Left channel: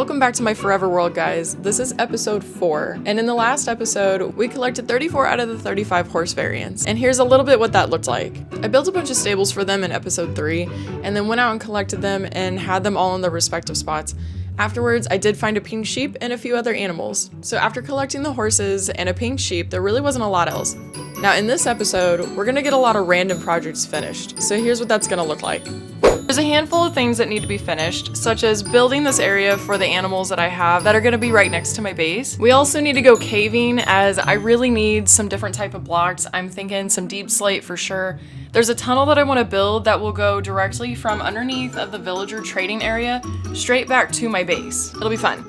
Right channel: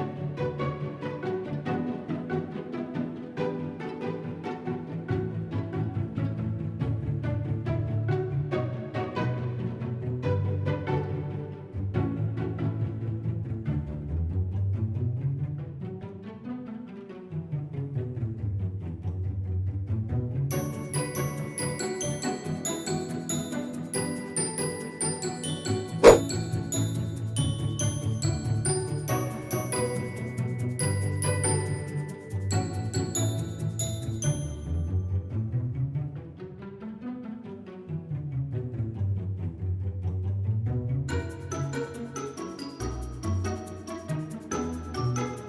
Welcome back to my forever world, guys. This is episode 4, and in the last episode, we collected 34 out of the 35 horse variants, and here's a little bit what that looked like. I built a bunch of stables for them in episode 3, and then went out and collected them and had them all in their respective spots. Afterwards, I did find a pink sheep and a few other animals. So after collecting the horses and a pink sheep, there really wasn't a lot else. Now in this episode, we're gonna get a lot of random projects finished. So here's what that's gonna look like. There's a handful of things that need to be finished, such as building this area for the animals that I have that are gonna be right next to my base. We also need to go caving, as I really need some different type of blocks. I'm thinking some deep slate for sure. There's a tunnel that I want to build that will go directly from underneath of the villager trading area straight back to my base. It'll be fun.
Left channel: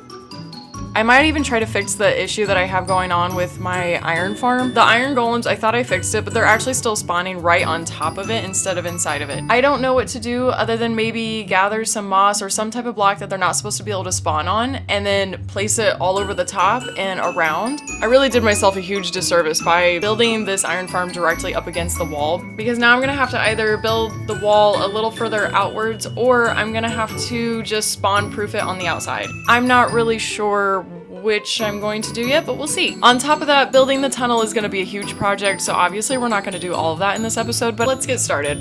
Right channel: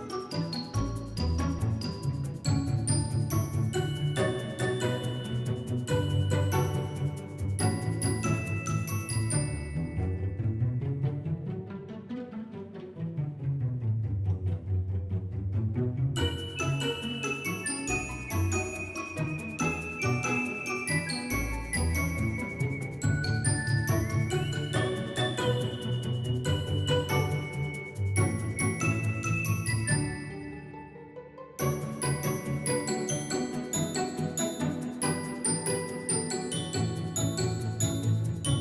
I might even try to fix the issue that I have going on with my iron farm. The iron golems, I thought I fixed it, but they're actually still spawning right on top of it instead of inside of it. I don't know what to do other than maybe gather some moss or some type of block that they're not supposed to be able to spawn on and then place it all over the top and around. I really did myself a huge disservice by building this iron farm directly up against the wall, because now I'm gonna have to either build the wall a little further outwards or I'm gonna have to just spawn proof it on the outside. I'm not really sure which I'm going to do yet, but we'll see. On top of that, building the tunnel is going to be a huge project, so obviously we're not going to do all of that in this episode, but let's get started.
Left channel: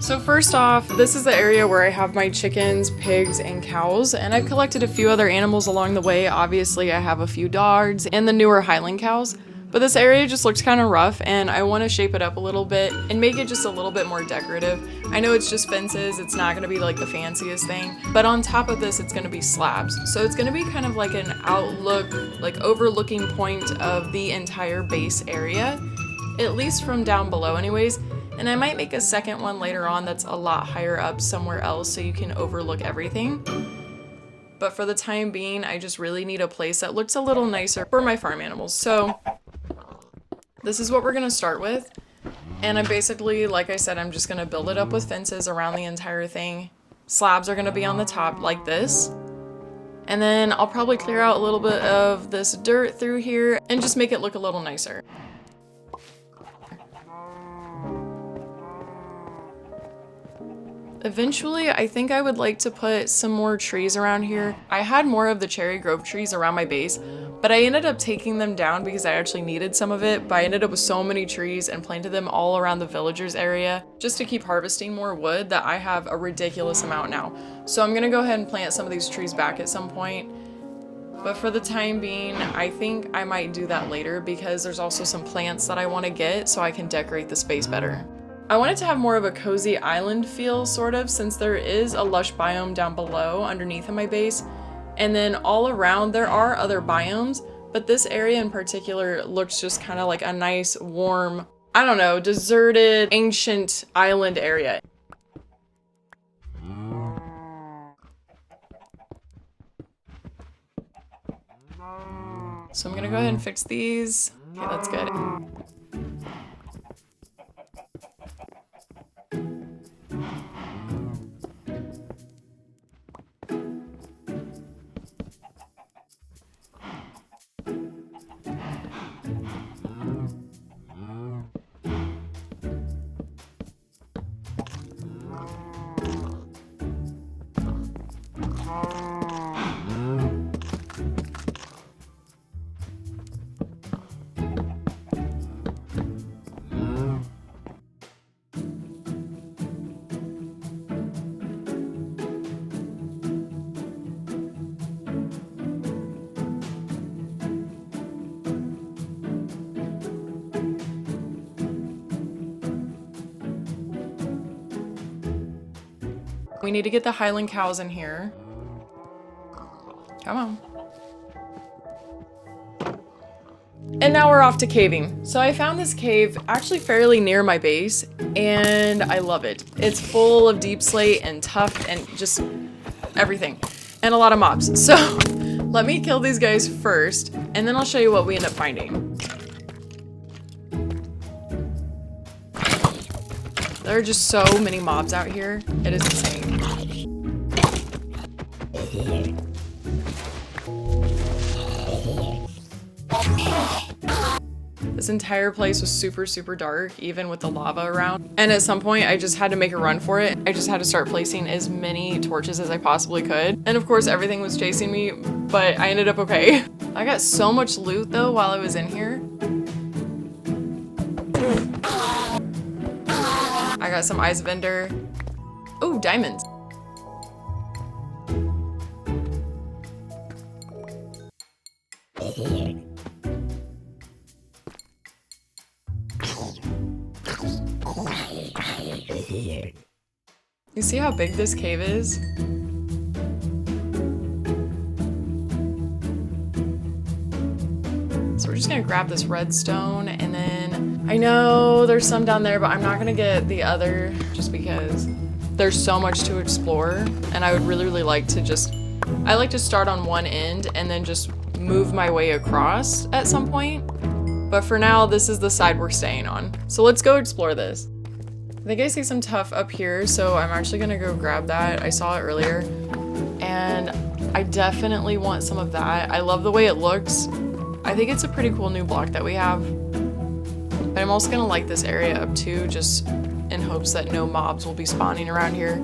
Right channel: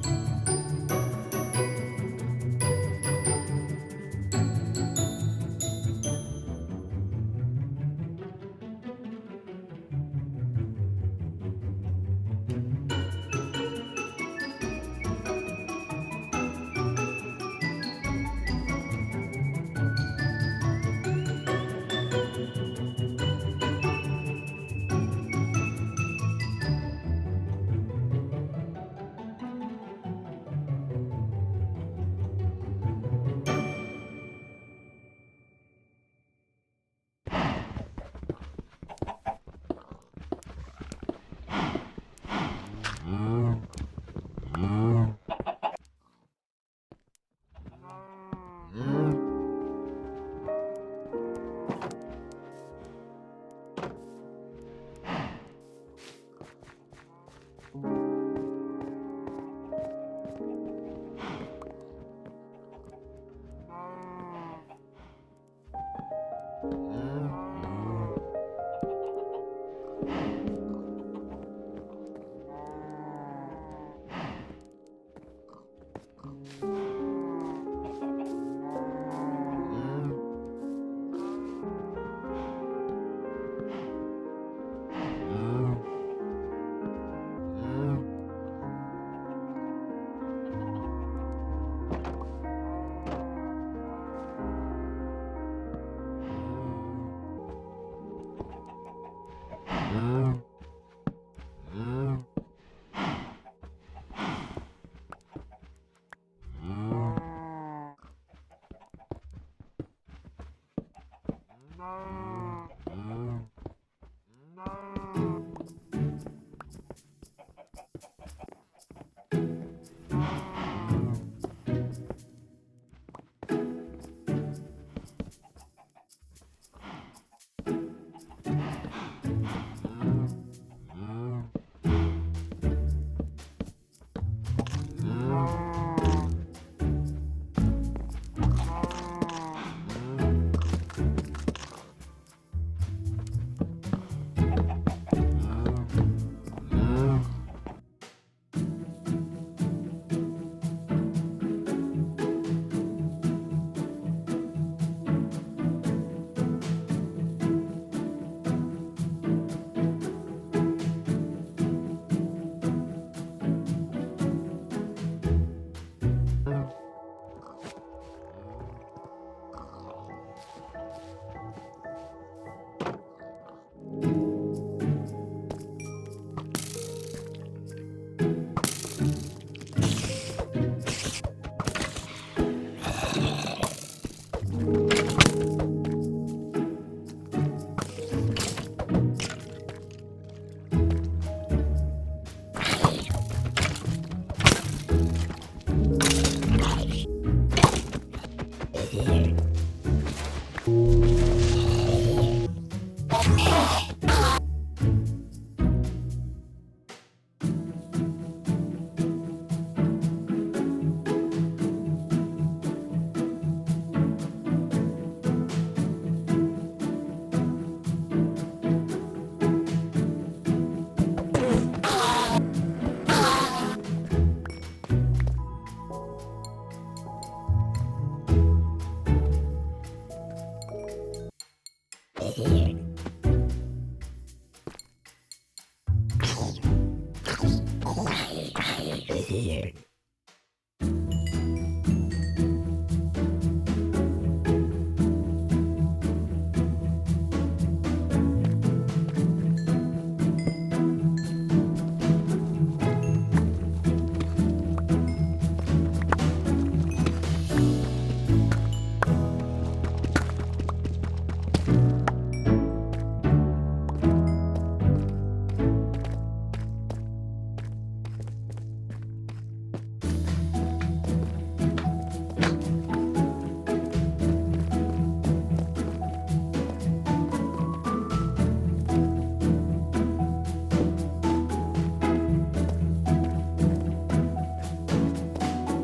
So first off, this is the area where I have my chickens, pigs, and cows, and I've collected a few other animals along the way. Obviously, I have a few dogs and the newer Highland cows. But this area just looks kind of rough, and I want to shape it up a little bit and make it just a little bit more decorative. I know it's just fences, it's not going to be like the fanciest thing, but on top of this, it's going to be slabs. So it's going to be kind of like an outlook, like overlooking point of the entire base area, at least from down below anyways. And I might make a second one later on that's a lot higher up somewhere else so you can overlook everything. But for the time being, I just really need a place that looks a little nicer for my farm animals. So this is what we're gonna start with. And I'm basically, like I said, I'm just gonna build it up with fences around the entire thing. Slabs are gonna be on the top like this. And then I'll probably clear out a little bit of this dirt through here and just make it look a little nicer. Eventually, I think I would like to put some more trees around here. I had more of the cherry grove trees around my base, but I ended up taking them down because I actually needed some of it, but I ended up with so many trees and planted them all around the villagers area just to keep harvesting more wood that I have a ridiculous amount now. So I'm gonna go ahead and plant some of these trees back at some point. But for the time being, I think I might do that later because there's also some plants that I want to get so I can decorate the space better. I wanted to have more of a cozy island feel, sort of, since there is a lush biome down below underneath of my base. And then all around there are other biomes, but this area in particular looks just kind of like a nice, warm, I don't know, deserted, ancient island area. So I'm gonna go ahead and fix these. Okay, that's good. We need to get the Highland cows in here. Come on. And now we're off to caving. So I found this cave actually fairly near my base, and I love it. It's full of deep slate and tuff and just everything. And a lot of mobs. So let me kill these guys first, and then I'll show you what we end up finding. There are just so many mobs out here. It is insane. This entire place was super, super dark, even with the lava around. And at some point, I just had to make a run for it. I just had to start placing as many torches as I possibly could. And of course, everything was chasing me, but I ended up okay. I got so much loot though while I was in here. I got some ice vendor. Oh, diamonds. You see how big this cave is? So we're just gonna grab this redstone, and then I know there's some down there, but I'm not gonna get the other just because there's so much to explore, and I would really, really like to I like to start on one end and then just move my way across at some point. But for now, this is the side we're staying on. So let's go explore this. I think I see some tuff up here, so I'm actually gonna go grab that. I saw it earlier, and I definitely want some of that. I love the way it looks. I think it's a pretty cool new block that we have. But I'm also gonna light this area up too, just in hopes that no mobs will be spawning around here.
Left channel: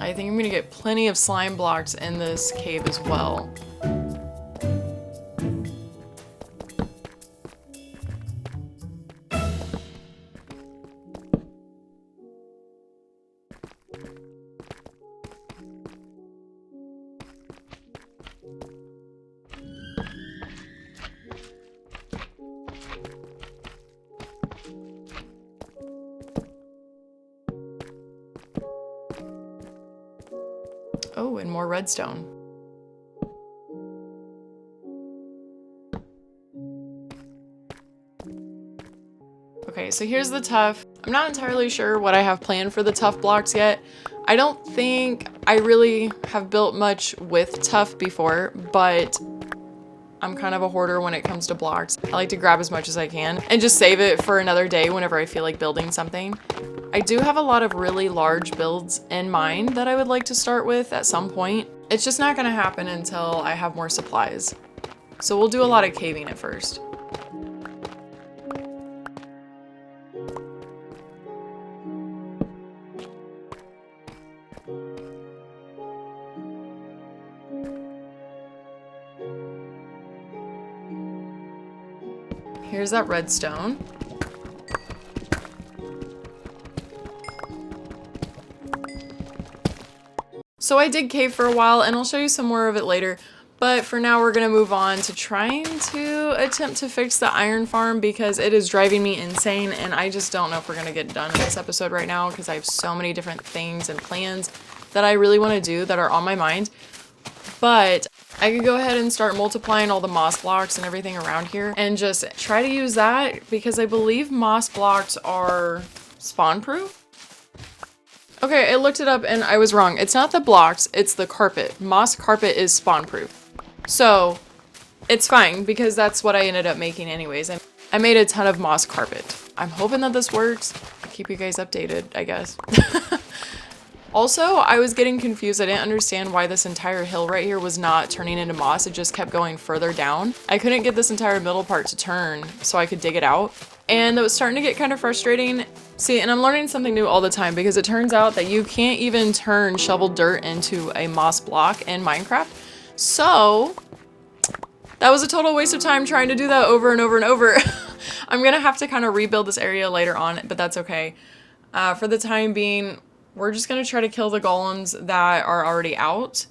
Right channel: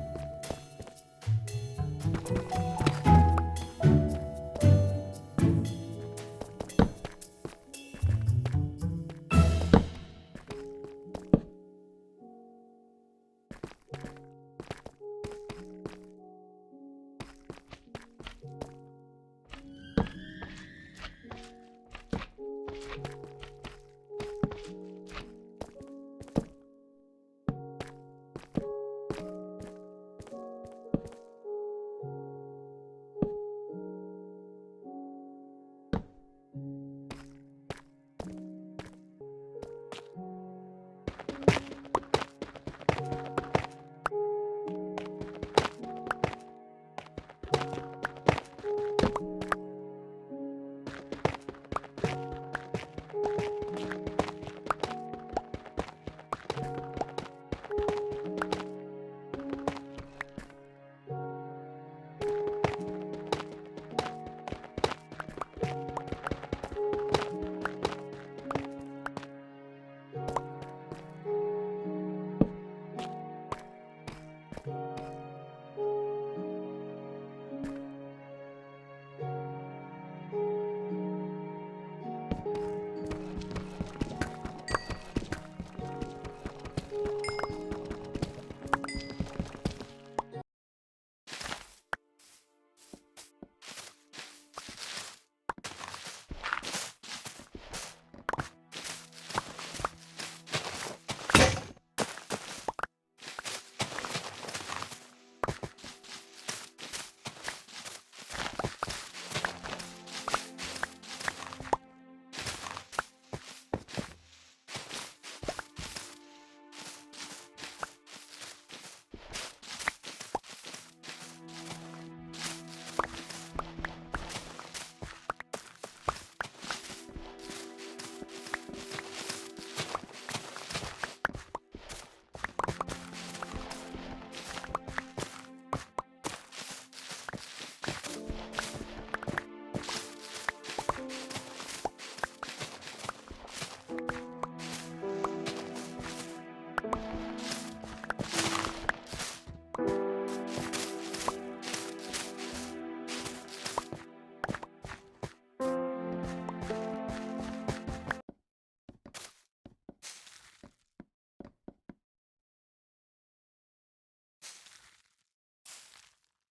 I think I'm gonna get plenty of slime blocks in this cave as well. Oh, and more redstone. Okay, so here's the tuff. I'm not entirely sure what I have planned for the tuff blocks yet. I don't think I really have built much with tuff before, but I'm kind of a hoarder when it comes to blocks. I like to grab as much as I can and just save it for another day whenever I feel like building something. I do have a lot of really large builds in mind that I would like to start with at some point. It's just not gonna happen until I have more supplies. So we'll do a lot of caving at first. Here's that redstone. So I did cave for a while, and I'll show you some more of it later. But for now, we're gonna move on to trying to attempt to fix the iron farm because it is driving me insane, and I just don't know if we're gonna get done this episode right now because I have so many different things and plans that I really want to do that are on my mind. But I could go ahead and start multiplying all the moss blocks and everything around here and just try to use that because I believe moss blocks are spawn proof. Okay, I looked it up and I was wrong. It's not the blocks, it's the carpet. Moss carpet is spawn proof. So it's fine because that's what I ended up making anyways. And I made a ton of moss carpet. I'm hoping that this works. Keep you guys updated, I guess. Also, I was getting confused. I didn't understand why this entire hill right here was not turning into moss. It just kept going further down. I couldn't get this entire middle part to turn so I could dig it out. And it was starting to get kind of frustrating. See, and I'm learning something new all the time because it turns out that you can't even turn shoveled dirt into a moss block in Minecraft. So that was a total waste of time trying to do that over and over and over. I'm gonna have to kind of rebuild this area later on, but that's okay. For the time being, we're just gonna try to kill the golems that are already out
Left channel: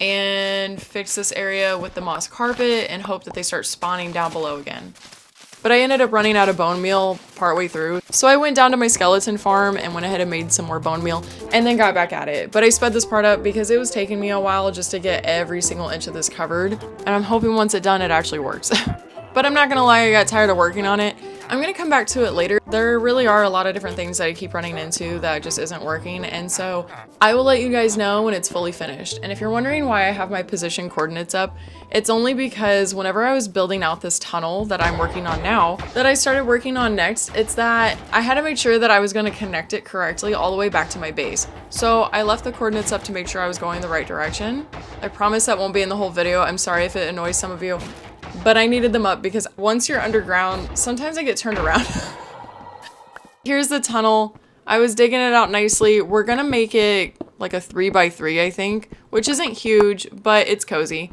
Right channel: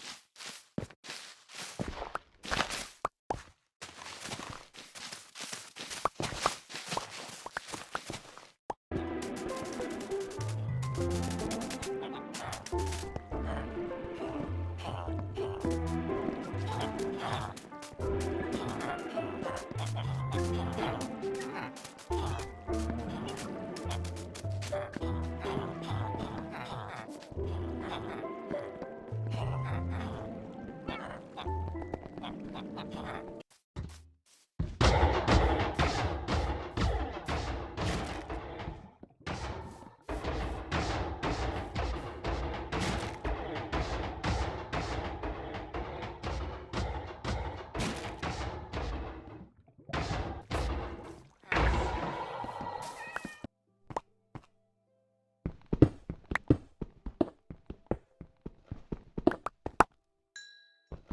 and fix this area with the moss carpet and hope that they start spawning down below again. But I ended up running out of bone meal partway through. So I went down to my skeleton farm and went ahead and made some more bone meal and then got back at it. But I sped this part up because it was taking me a while just to get every single inch of this covered. And I'm hoping once it's done, it actually works. But I'm not gonna lie, I got tired of working on it. I'm gonna come back to it later. There really are a lot of different things that I keep running into that just isn't working, and so I will let you guys know when it's fully finished. And if you're wondering why I have my position coordinates up, it's only because whenever I was building out this tunnel that I'm working on now, that I started working on next, it's that I had to make sure that I was gonna connect it correctly all the way back to my base. So I left the coordinates up to make sure I was going the right direction. I promise that won't be in the whole video. I'm sorry if it annoys some of you. but I needed them up because once you're underground, sometimes I get turned around. Here's the tunnel. I was digging it out nicely. We're gonna make it like a 3x3, I think, which isn't huge, but it's cozy.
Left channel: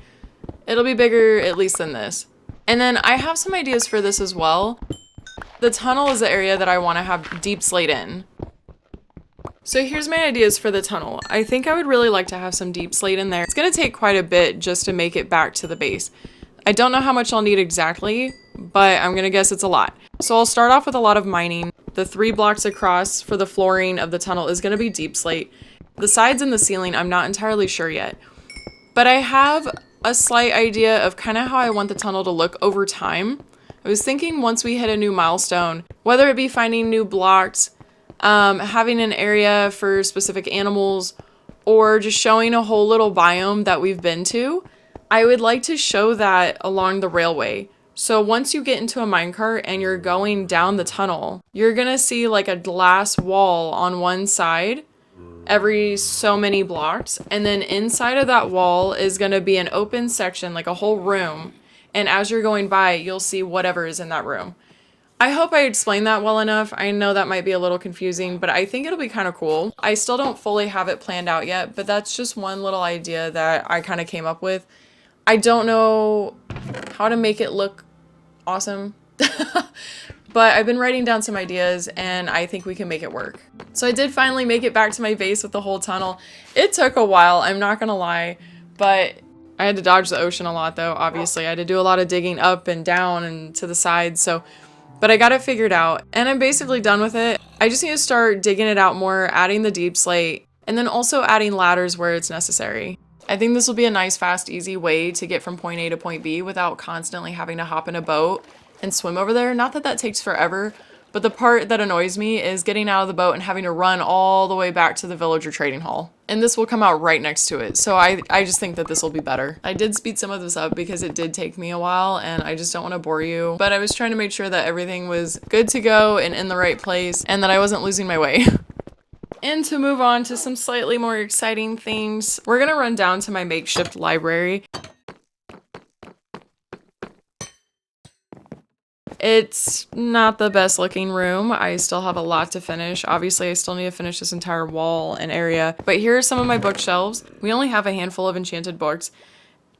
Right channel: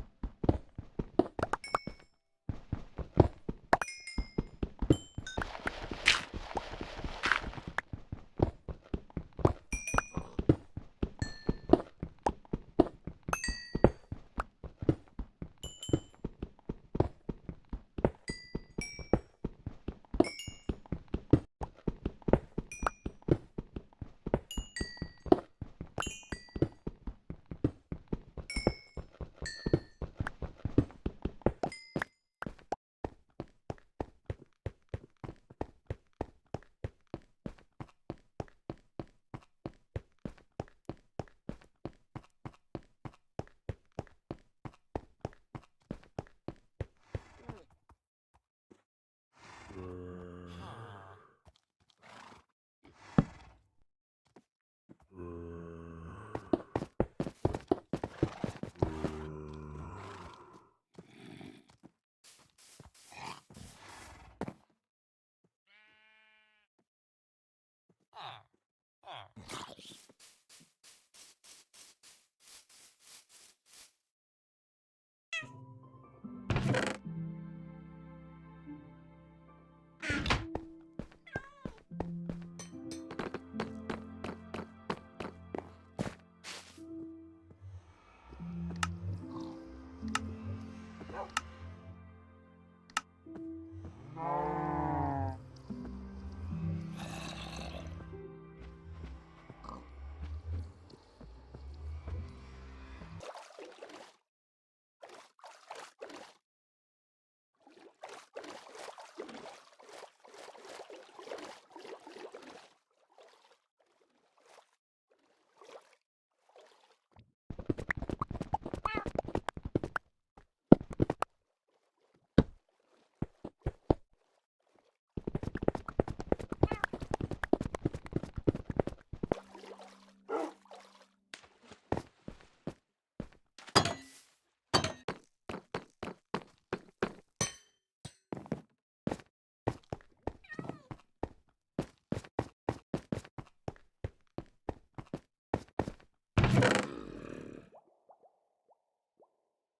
It'll be bigger at least than this. And then I have some ideas for this as well. The tunnel is the area that I want to have deep slate in. So here's my ideas for the tunnel. I think I would really like to have some deep slate in there. It's gonna take quite a bit just to make it back to the base. I don't know how much I'll need exactly, but I'm gonna guess it's a lot. So I'll start off with a lot of mining. The 3 blocks across for the flooring of the tunnel is gonna be deep slate. The sides and the ceiling, I'm not entirely sure yet. But I have a slight idea of kind of how I want the tunnel to look over time. I was thinking once we hit a new milestone, whether it be finding new blocks, having an area for specific animals, or just showing a whole little biome that we've been to, I would like to show that along the railway. So once you get into a minecart and you're going down the tunnel, you're gonna see like a glass wall on one side every so many blocks, and then inside of that wall is gonna be an open section, like a whole room, and as you're going by, you'll see whatever is in that room. I hope I explained that well enough. I know that might be a little confusing, but I think it'll be kind of cool. I still don't fully have it planned out yet, but that's just one little idea that I kind of came up with. I don't know how to make it look awesome, but I've been writing down some ideas and I think we can make it work. So I did finally make it back to my base with the whole tunnel. It took a while, I'm not gonna lie, but I had to dodge the ocean a lot though, obviously. I had to do a lot of digging up and down and to the sides, but I got it figured out and I'm basically done with it. I just need to start digging it out more, adding the deep slate, and then also adding ladders where it's necessary. I think this will be a nice, fast, easy way to get from point A to point B without constantly having to hop in a boat and swim over there. Not that that takes forever, but the part that annoys me is getting out of the boat and having to run all the way back to the villager trading hall. And this will come out right next to it. So I just think that this will be better. I did speed some of this up because it did take me a while and I just don't want to bore you. But I was trying to make sure that everything was good to go and in the right place and that I wasn't losing my way. And to move on to some slightly more exciting things, we're gonna run down to my makeshift library. It's not the best looking room. I still have a lot to finish. Obviously, I still need to finish this entire wall and area. But here are some of my bookshelves. We only have a handful of enchanted books.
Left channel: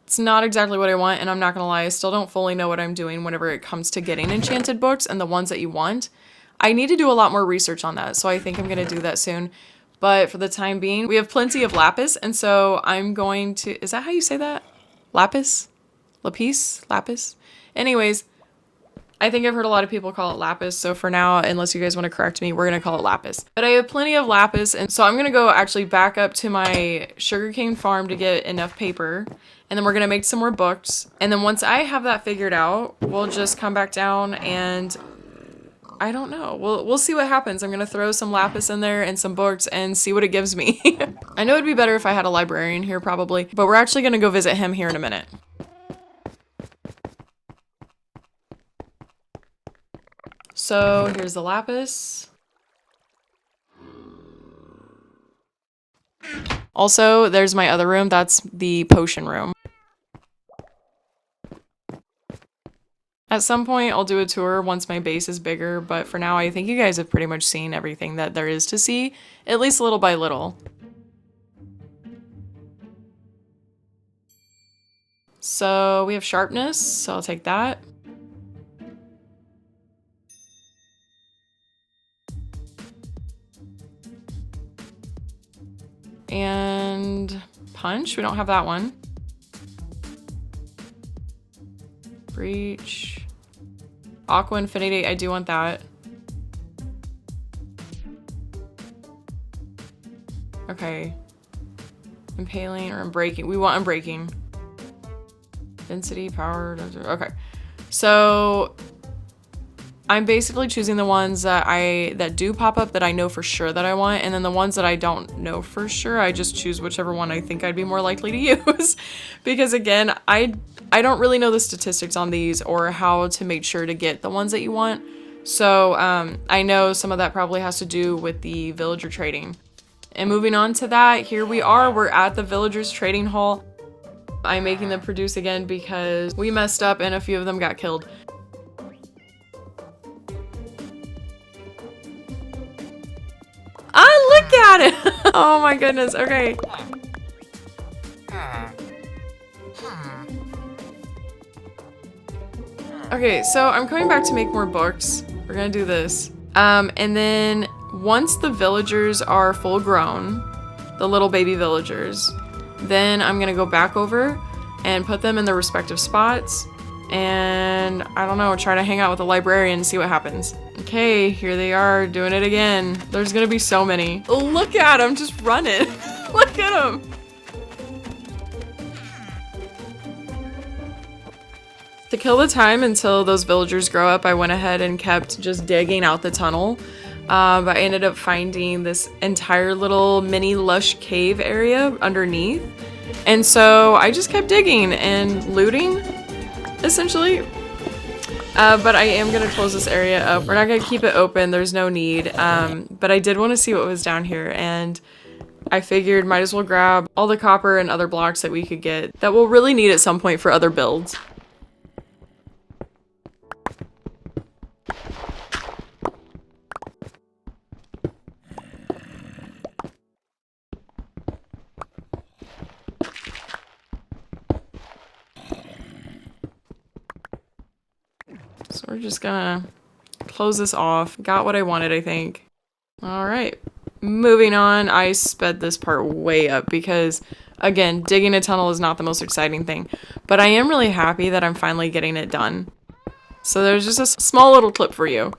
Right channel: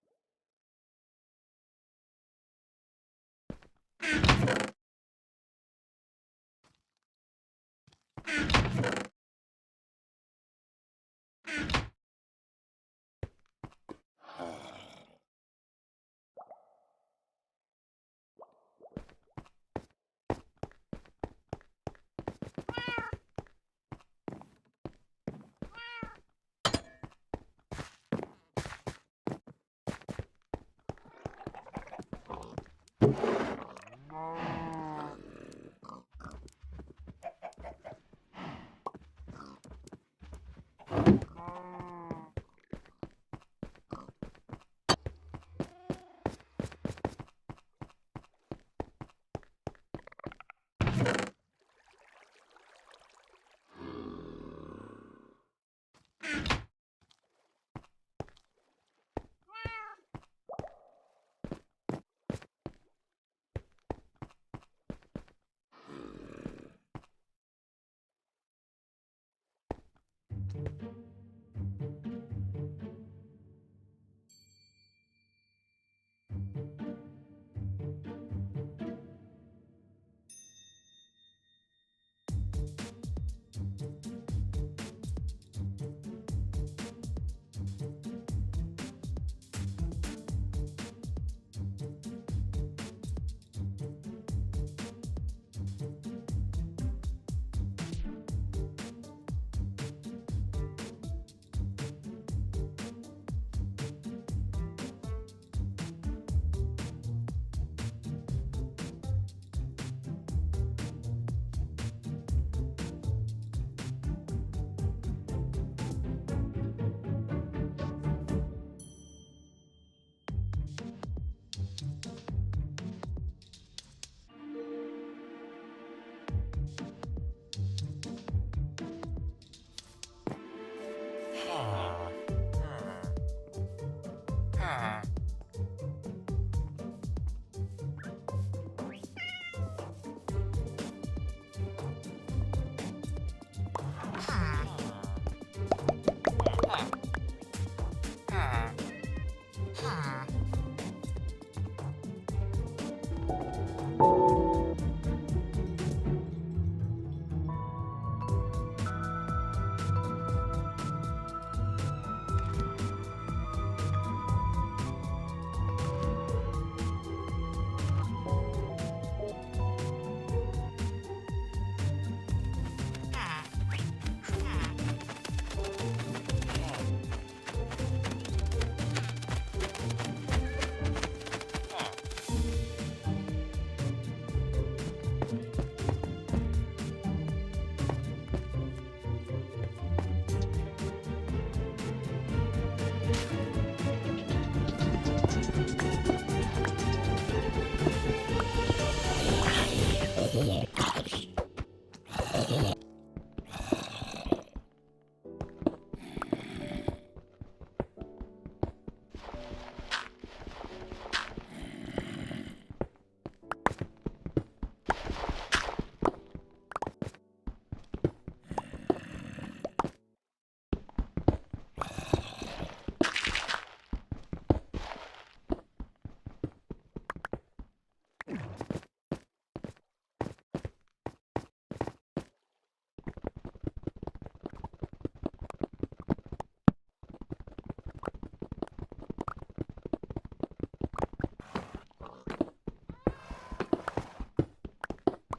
It's not exactly what I want, and I'm not gonna lie, I still don't fully know what I'm doing whenever it comes to getting enchanted books and the ones that you want. I need to do a lot more research on that, so I think I'm gonna do that soon. But for the time being, we have plenty of lapis, and so I'm going to, is that how you say that? Lapis? Lapis? Lapis? Anyways, I think I've heard a lot of people call it lapis, so for now, unless you guys want to correct me, we're gonna call it lapis. But I have plenty of lapis, and so I'm gonna go actually back up to my sugarcane farm to get enough paper, and then we're gonna make some more books. And then once I have that figured out, we'll just come back down and I don't know. We'll see what happens. I'm gonna throw some lapis in there and some books and see what it gives me. I know it'd be better if I had a librarian here probably, but we're actually gonna go visit him here in a minute. So here's the lapis. Also, there's my other room. That's the potion room. At some point, I'll do a tour once my base is bigger, but for now, I think you guys have pretty much seen everything that there is to see, at least little by little. So we have sharpness, so I'll take that. And punch, we don't have that one. Breach. Aqua Infinity, I do want that. Okay. Impaling or unbreaking. We want unbreaking. Density, power, okay. So I'm basically choosing the ones that do pop up that I know for sure that I want, and then the ones that I don't know for sure, I just choose whichever one I think I'd be more likely to use. Because again, I don't really know the statistics on these or how to make sure to get the ones that you want. So I know some of that probably has to do with the villager trading. And moving on to that, here we are, we're at the villagers trading hall. I'm making them produce again because we messed up and a few of them got killed. Ah, look at it! Oh my goodness, okay. Okay, so I'm coming back to make more books. We're gonna do this. And then once the villagers are full grown, the little baby villagers, then I'm gonna go back over and put them in their respective spots and I don't know, try to hang out with the librarian and see what happens. Okay, here they are doing it again. There's gonna be so many. Look at them just running. Look at them. To kill the time until those villagers grow up, I went ahead and kept just digging out the tunnel. I ended up finding this entire little mini lush cave area underneath. And so I just kept digging and looting, essentially. But I am gonna close this area up. We're not gonna keep it open, there's no need. But I did want to see what was down here, and I figured might as well grab all the copper and other blocks that we could get that we'll really need at some point for other builds. So we're just gonna close this off. Got what I wanted, I think. All right, moving on. I sped this part way up because, again, digging a tunnel is not the most exciting thing, but I am really happy that I'm finally getting it done. So there's just a small little clip for you.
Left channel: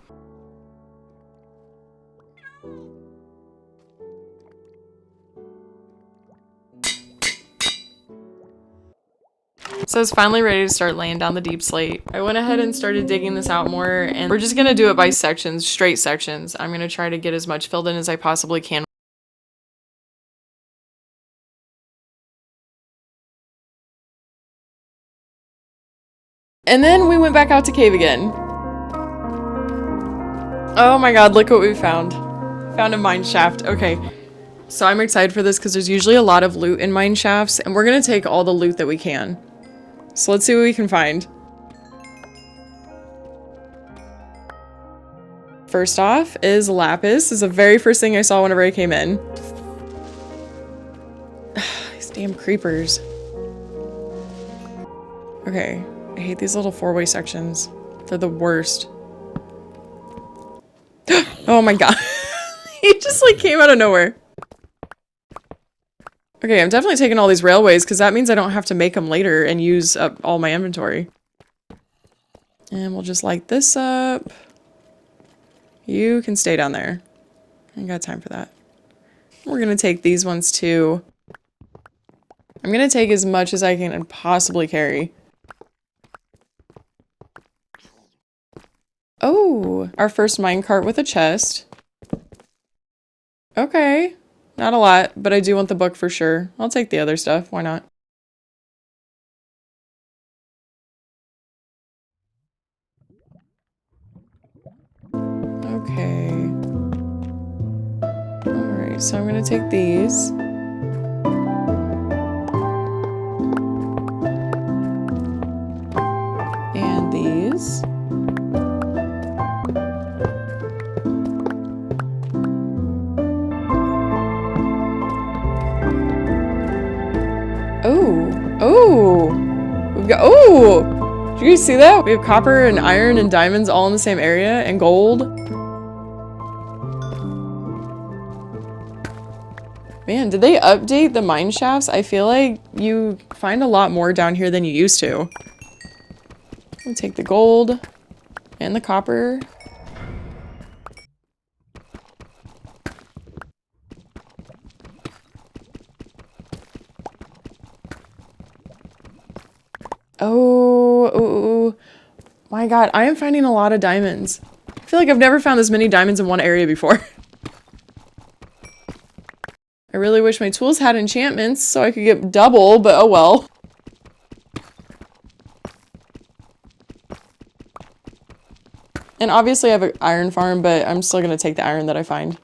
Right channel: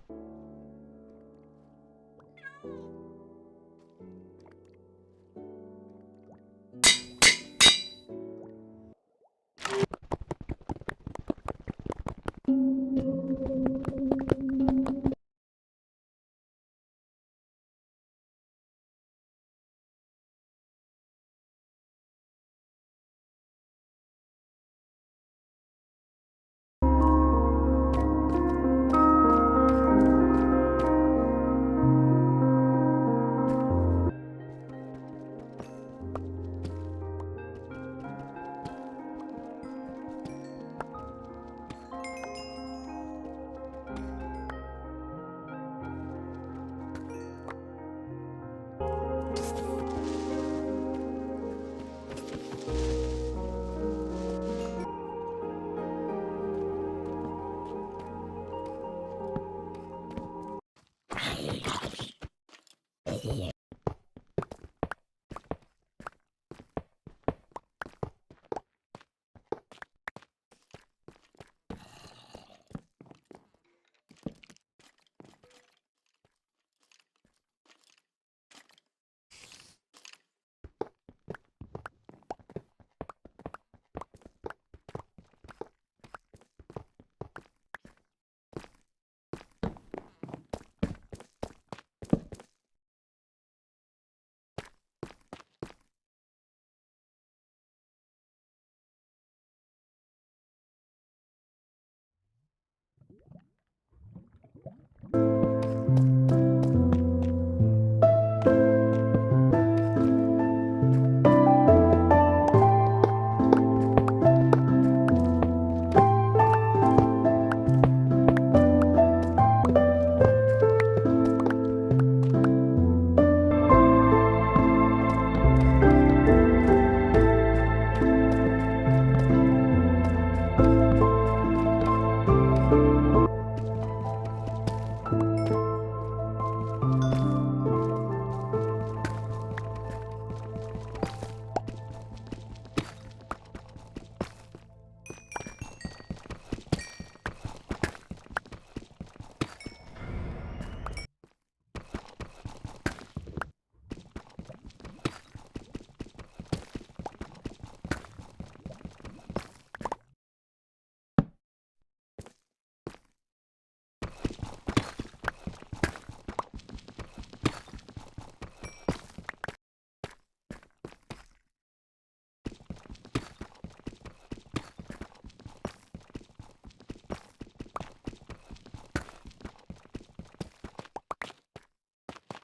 So I was finally ready to start laying down the deep slate. I went ahead and started digging this out more, and we're just gonna do it by sections, straight sections. I'm gonna try to get as much filled in as I possibly can. And then we went back out to cave again. Oh my god, look what we found. Found a mine shaft. Okay. So I'm excited for this because there's usually a lot of loot in mine shafts, and we're gonna take all the loot that we can. So let's see what we can find. First off is lapis. This is the very first thing I saw whenever I came in. These damn creepers. Okay, I hate these little four-way sections. They're the worst. Oh my god. He just like came out of nowhere. Okay, I'm definitely taking all these railways because that means I don't have to make them later and use up all my inventory. And we'll just light this up. You can stay down there. I ain't got time for that. We're gonna take these ones too. I'm gonna take as much as I can possibly carry. Oh, our first minecart with a chest. Okay. Not a lot, but I do want the book for sure. I'll take the other stuff. Why not? Okay. Alright, so I'm gonna take these. And these. Oh! Did you guys see that? We have copper and iron and diamonds all in the same area, and gold. Man, did they update the mine shafts? I feel like you find a lot more down here than you used to. I'll take the gold and the copper. Oh, my god, I am finding a lot of diamonds. I feel like I've never found this many diamonds in one area before. I really wish my tools had enchantments so I could get double, but oh well. And obviously I have an iron farm, but I'm still gonna take the iron that I find.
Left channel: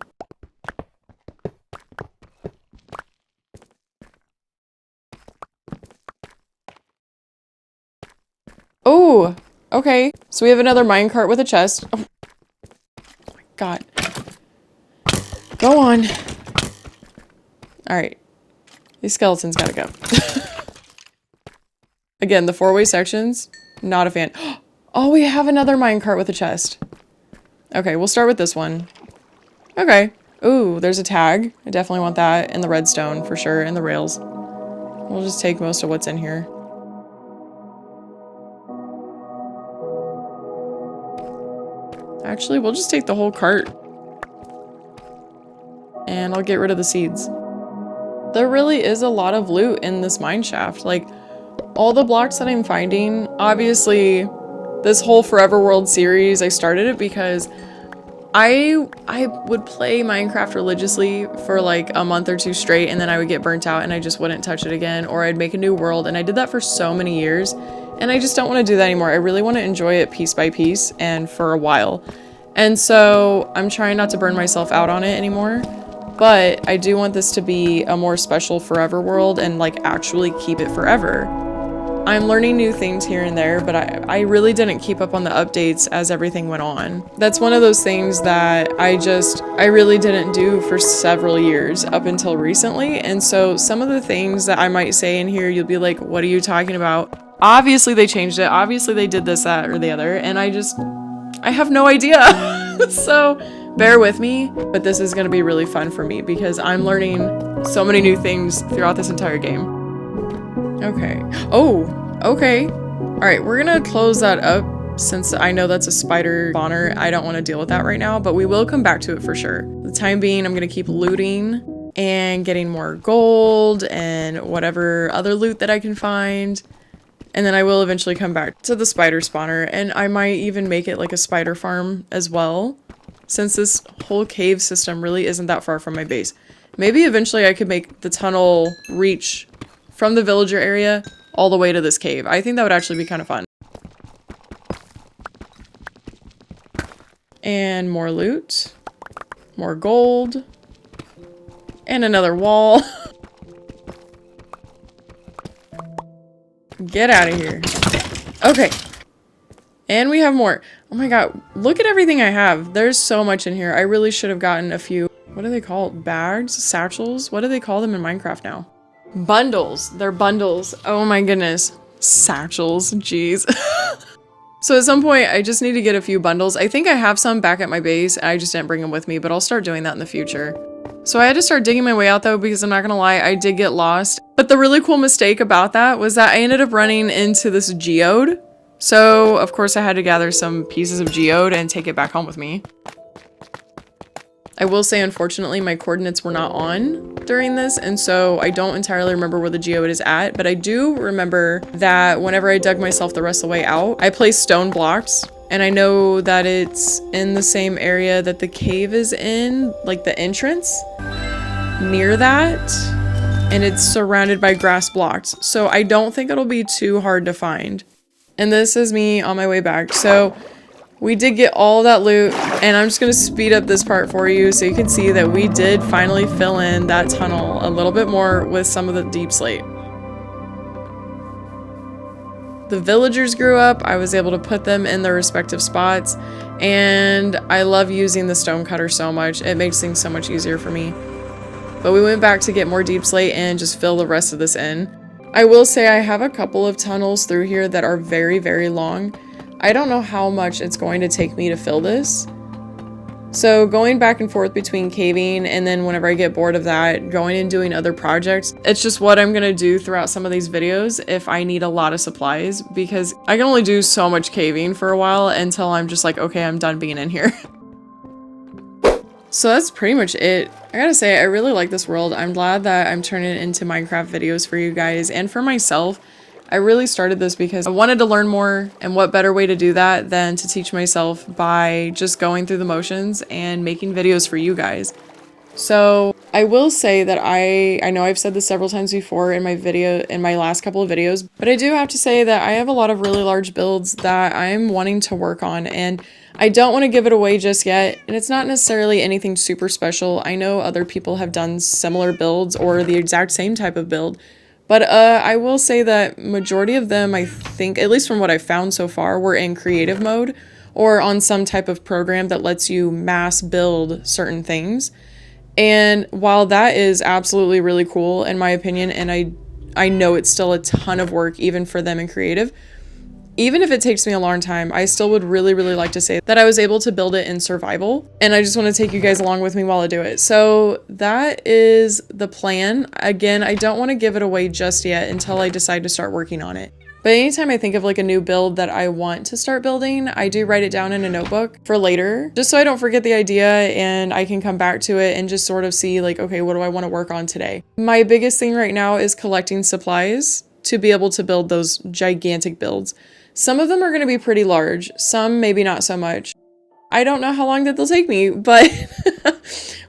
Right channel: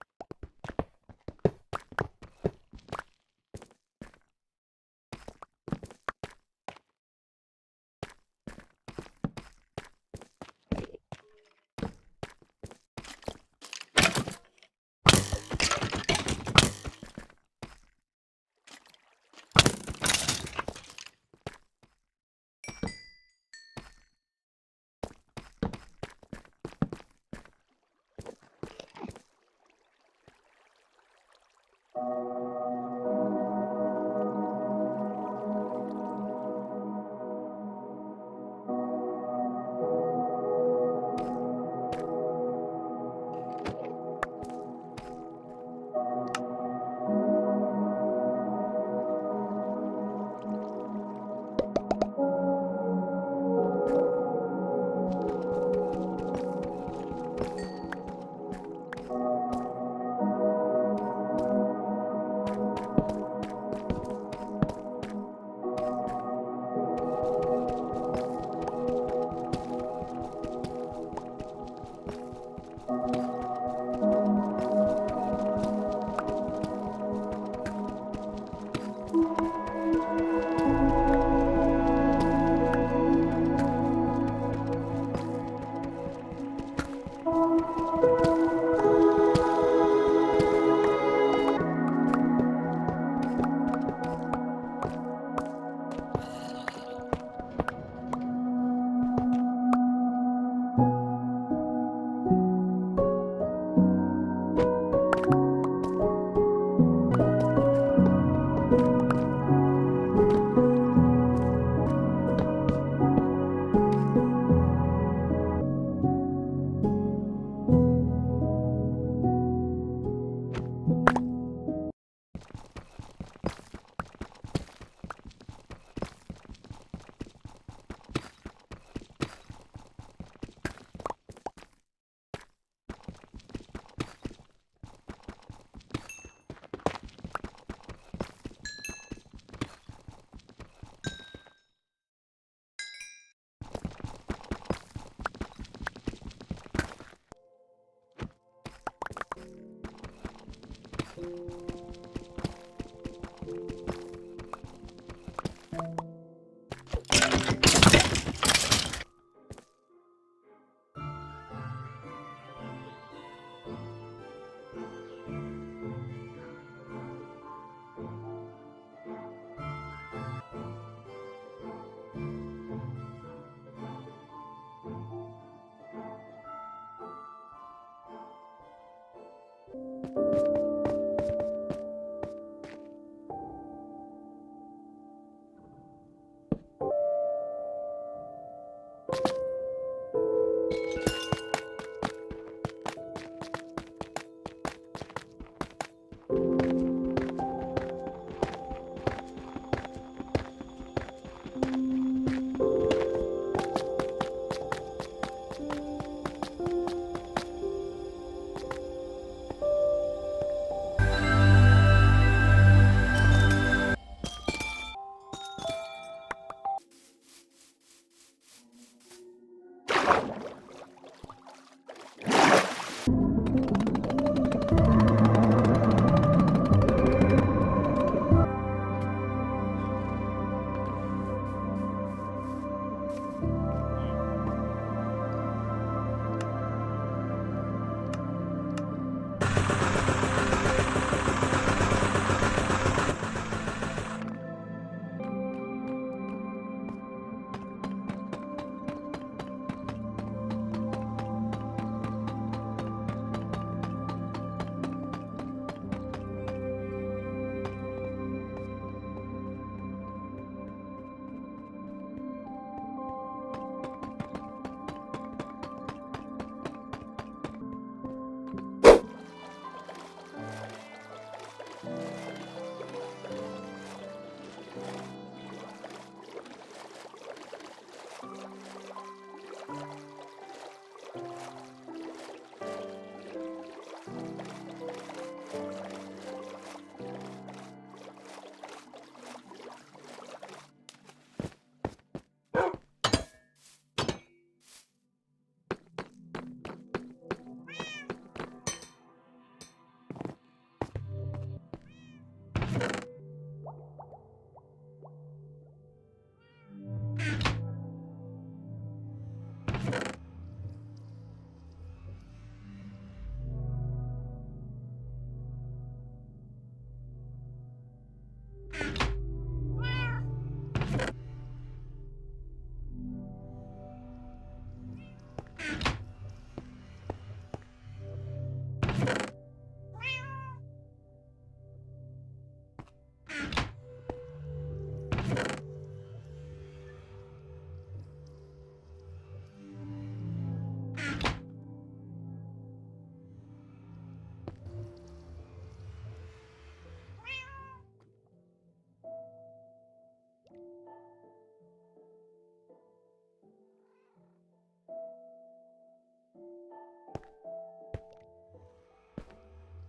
Oh, okay. So we have another minecart with a chest. Oh, God. Go on. All right. These skeletons gotta go. Again, the 4-way sections, not a fan. Oh, we have another minecart with a chest. Okay, we'll start with this one. Okay. Ooh, there's a tag. I definitely want that, and the redstone for sure, and the rails. We'll just take most of what's in here. Actually, we'll just take the whole cart. And I'll get rid of the seeds. There really is a lot of loot in this mine shaft. Like, all the blocks that I'm finding, obviously, this whole Forever World series, I started it because I would play Minecraft religiously for like a month or two straight, and then I would get burnt out and I just wouldn't touch it again, or I'd make a new world, and I did that for so many years, and I just don't want to do that anymore. I really want to enjoy it piece by piece and for a while. And so I'm trying not to burn myself out on it anymore, but I do want this to be a more special Forever World and like actually keep it forever. I'm learning new things here and there, but I really didn't keep up on the updates as everything went on. That's one of those things that I really didn't do for several years up until recently. And so some of the things that I might say in here, you'll be like, what are you talking about? Obviously they changed it. Obviously they did this, that, or the other. And I have no idea. So bear with me, but this is gonna be really fun for me because I'm learning so many new things throughout this entire game. Okay. Oh, okay. All right, we're gonna close that up since I know that's a spider spawner. I don't want to deal with that right now, but we will come back to it for sure. For the time being, I'm gonna keep looting and getting more gold and whatever other loot that I can find. And then I will eventually come back to the spider spawner, and I might even make it like a spider farm as well, since this whole cave system really isn't that far from my base. Maybe eventually I could make the tunnel reach from the villager area all the way to this cave. I think that would actually be kind of fun. And more loot. More gold. And another wall. Get out of here. Okay. And we have more. Oh my god, look at everything I have. There's so much in here. I really should have gotten a few, what are they called? Bags? Satchels? What do they call them in Minecraft now? Bundles. They're bundles. Oh my goodness. Satchels. Jeez. So at some point, I just need to get a few bundles. I think I have some back at my base. I just didn't bring them with me, but I'll start doing that in the future. So I had to start digging my way out though, because I'm not gonna lie, I did get lost. But the really cool mistake about that was that I ended up running into this geode. So of course I had to gather some pieces of geode and take it back home with me. I will say, unfortunately, my coordinates were not on during this, and so I don't entirely remember where the geode is at, but I do remember that whenever I dug myself the rest of the way out, I placed stone blocks, and I know that it's in the same area that the cave is in, like the entrance, near that, and it's surrounded by grass blocks, so I don't think it'll be too hard to find. And this is me on my way back, so we did get all that loot, and I'm just gonna speed up this part for you so you can see that we did finally fill in that tunnel a little bit more with some of the deep slate. The villagers grew up, I was able to put them in their respective spots, and I love using the stone cutter so much. It makes things so much easier for me. But we went back to get more deep slate and just fill the rest of this in. I will say I have a couple of tunnels through here that are very, very long. I don't know how much it's going to take me to fill this. So going back and forth between caving and then whenever I get bored of that, going and doing other projects, it's just what I'm gonna do throughout some of these videos if I need a lot of supplies, because I can only do so much caving for a while until I'm just like, okay, I'm done being in here. So that's pretty much it. I gotta say, I really like this world. I'm glad that I'm turning it into Minecraft videos for you guys and for myself. I really started this because I wanted to learn more, and what better way to do that than to teach myself by just going through the motions and making videos for you guys. So I will say that I know I've said this several times before in my last couple of videos, but I do have to say that I have a lot of really large builds that I'm wanting to work on, and I don't want to give it away just yet, and it's not necessarily anything super special. I know other people have done similar builds or the exact same type of build, But I will say that majority of them, I think, at least from what I've found so far, were in creative mode or on some type of program that lets you mass build certain things. And while that is absolutely really cool in my opinion, and I know it's still a ton of work even for them in creative, even if it takes me a long time, I still would really, really like to say that I was able to build it in survival. And I just want to take you guys along with me while I do it. So that is the plan. Again, I don't want to give it away just yet until I decide to start working on it. But anytime I think of like a new build that I want to start building, I do write it down in a notebook for later, just so I don't forget the idea and I can come back to it and just sort of see like, okay, what do I want to work on today? My biggest thing right now is collecting supplies to be able to build those gigantic builds. Some of them are going to be pretty large, some maybe not so much. I don't know how long that they'll take me, but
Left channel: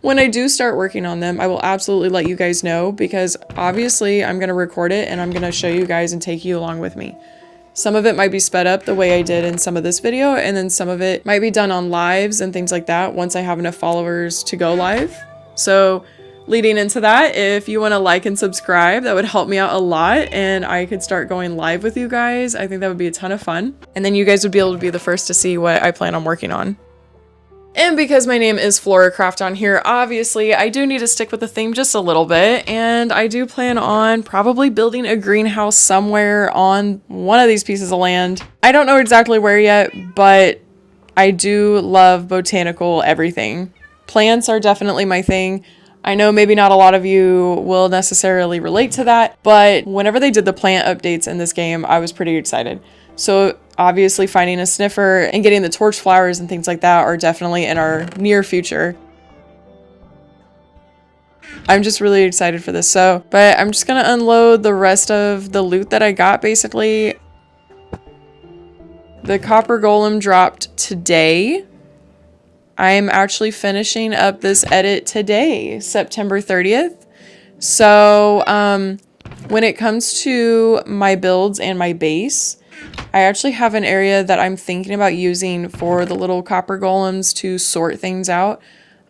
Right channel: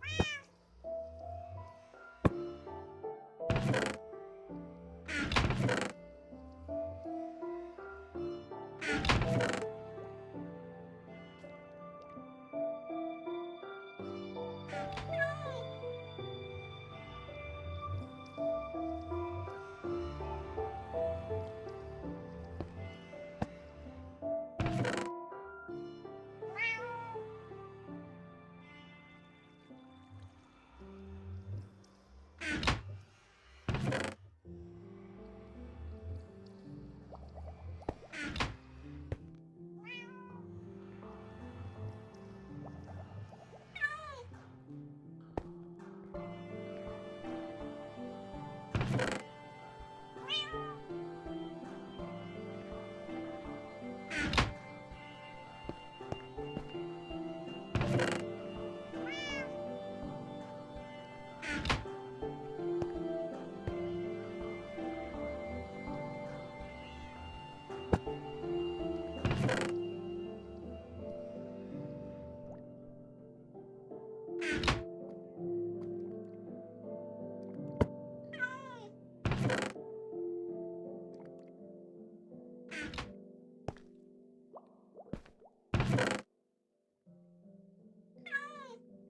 when I do start working on them, I will absolutely let you guys know, because obviously I'm going to record it and I'm going to show you guys and take you along with me. Some of it might be sped up the way I did in some of this video, and then some of it might be done on lives and things like that once I have enough followers to go live. So leading into that, if you want to like and subscribe, that would help me out a lot and I could start going live with you guys. I think that would be a ton of fun. And then you guys would be able to be the first to see what I plan on working on. And because my name is FloraCraft on here, obviously I do need to stick with the theme just a little bit, and I do plan on probably building a greenhouse somewhere on one of these pieces of land. I don't know exactly where yet, but I do love botanical everything. Plants are definitely my thing. I know maybe not a lot of you will necessarily relate to that, but whenever they did the plant updates in this game, I was pretty excited. So obviously finding a sniffer and getting the torch flowers and things like that are definitely in our near future. I'm just really excited for this. But I'm just gonna unload the rest of the loot that I got basically. The copper golem dropped today. I'm actually finishing up this edit today, September 30th. So when it comes to my builds and my base, I actually have an area that I'm thinking about using for the little copper golems to sort things out.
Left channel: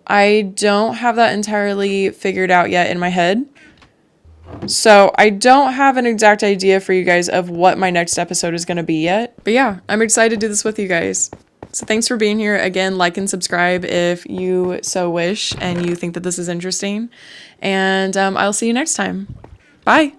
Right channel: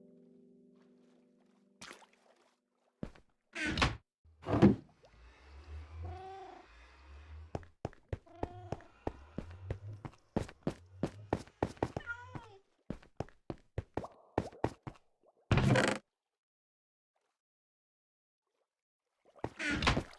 I don't have that entirely figured out yet in my head. So I don't have an exact idea for you guys of what my next episode is going to be yet. But yeah, I'm excited to do this with you guys. So thanks for being here. Again, like and subscribe if you so wish and you think that this is interesting. And I'll see you next time. Bye.